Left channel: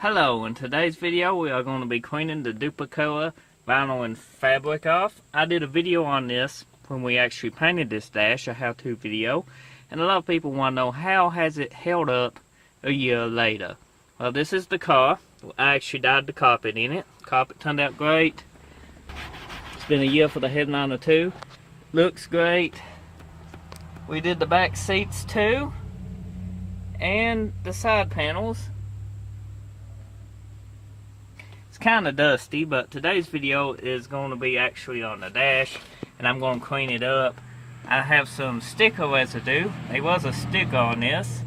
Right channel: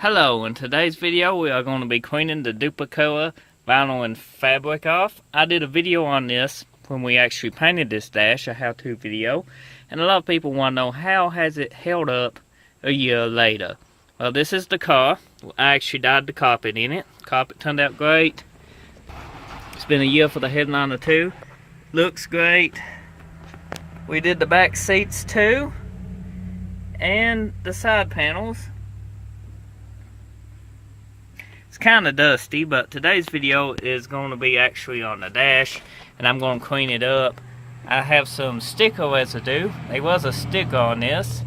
Hello, in today's video we are going to be cleaning the Dupli vinyl and fabric off. I did a video on this when we actually painted this dash, a how-to video, and a lot of people want to know how has it held up a year later. Well, this is the car. I actually dyed the carpet in it. Carpet turned out great. It's been a year for the headliner too. Looks great. We did the back seats too, and the side panels. Kind of dusty, but today's video is going to be actually on the dash, and I'm going to clean it up. I have some sticker residue. There was a sticker on this,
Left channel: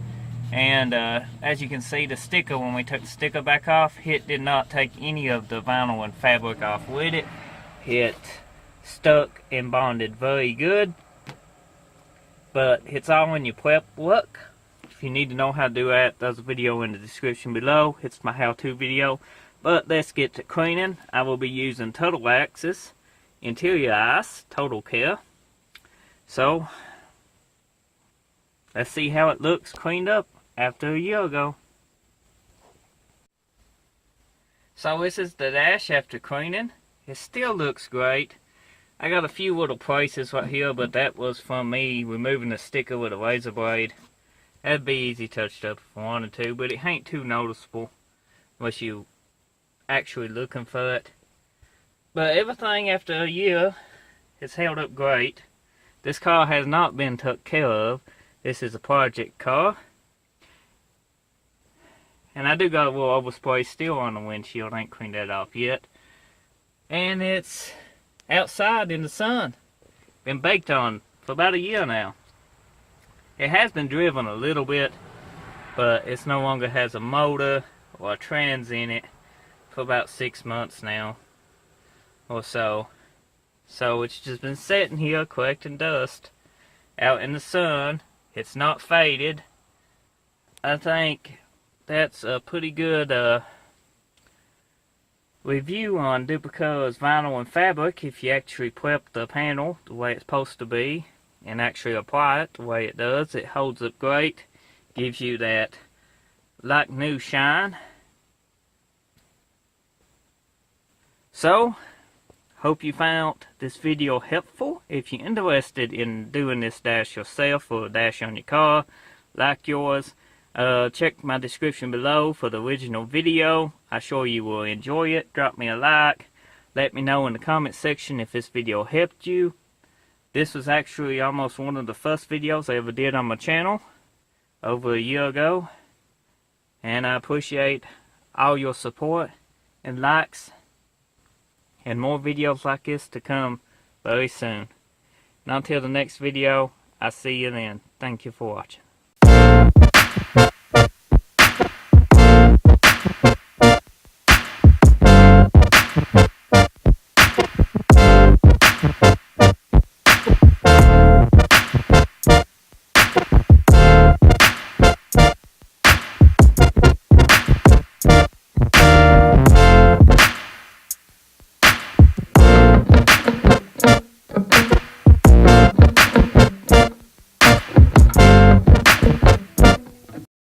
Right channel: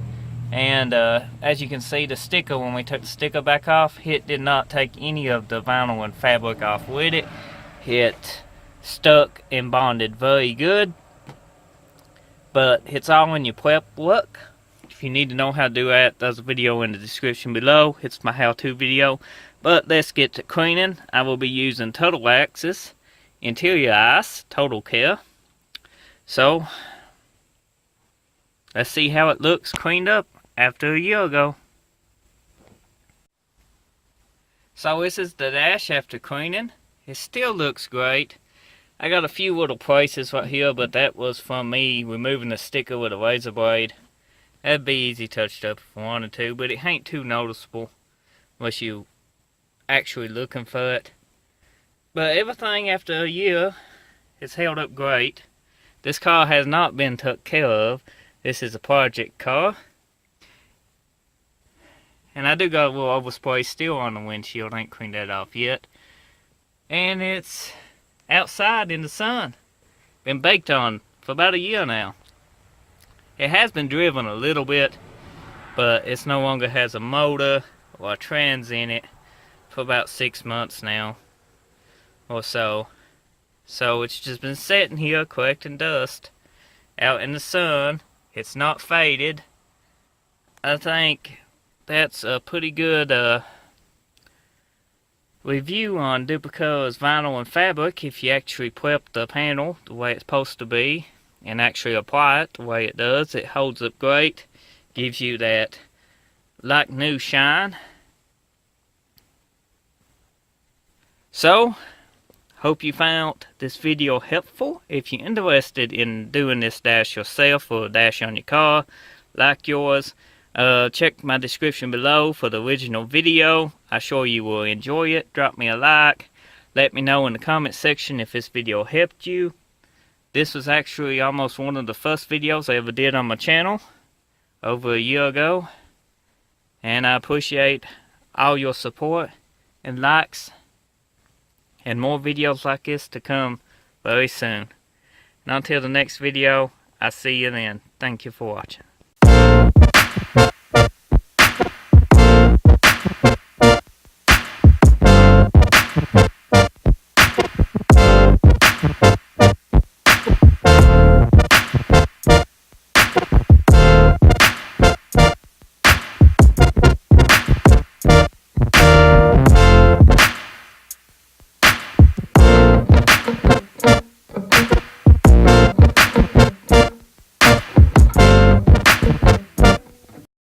and as you can see, the sticker, when we took the sticker back off, it did not take any of the vinyl and fabric off with it. It stuck and bonded very good, but it's all in your prep look. If you need to know how to do that, there's a video in the description below. It's my how-to video. But let's get to cleaning. I will be using Total Access Interior Ice Total Care. So, let's see how it looks cleaned up after a year ago. So this is the dash after cleaning. It still looks great. I got a few little places right here, but that was from me removing the sticker with a razor blade. That'd be easy touched up if I wanted to, but it ain't too noticeable unless you actually looking for it. But everything after a year has held up great. This car has not been took care of. This is a project car, and I do got a little overspray still on the windshield. I ain't cleaned that off yet, and it's outside in the sun. Been baked on for about a year now. It has been driven a little bit, but it's no longer has a motor or a trans in it for about 6 months now or so. So it's just been sitting here collecting dust out in the sun. It's not faded. I think that's a pretty good review on Dupli's vinyl and fabric. If you actually prep the panel the way it's supposed to be and actually apply it the way it does, it holds up great. Gives you that like new shine. So, hope you found this video helpful. If you're interested in doing this dash yourself or a dash on your car like yours, check my description below for the original video. I'm sure you will enjoy it. Drop me a like. Let me know in the comment section if this video helped you. This was actually almost one of the first videos I ever did on my channel over a year ago. And I appreciate all your support and likes. And more videos like this to come very soon. And until the next video, I'll see you then. Thank you for watching.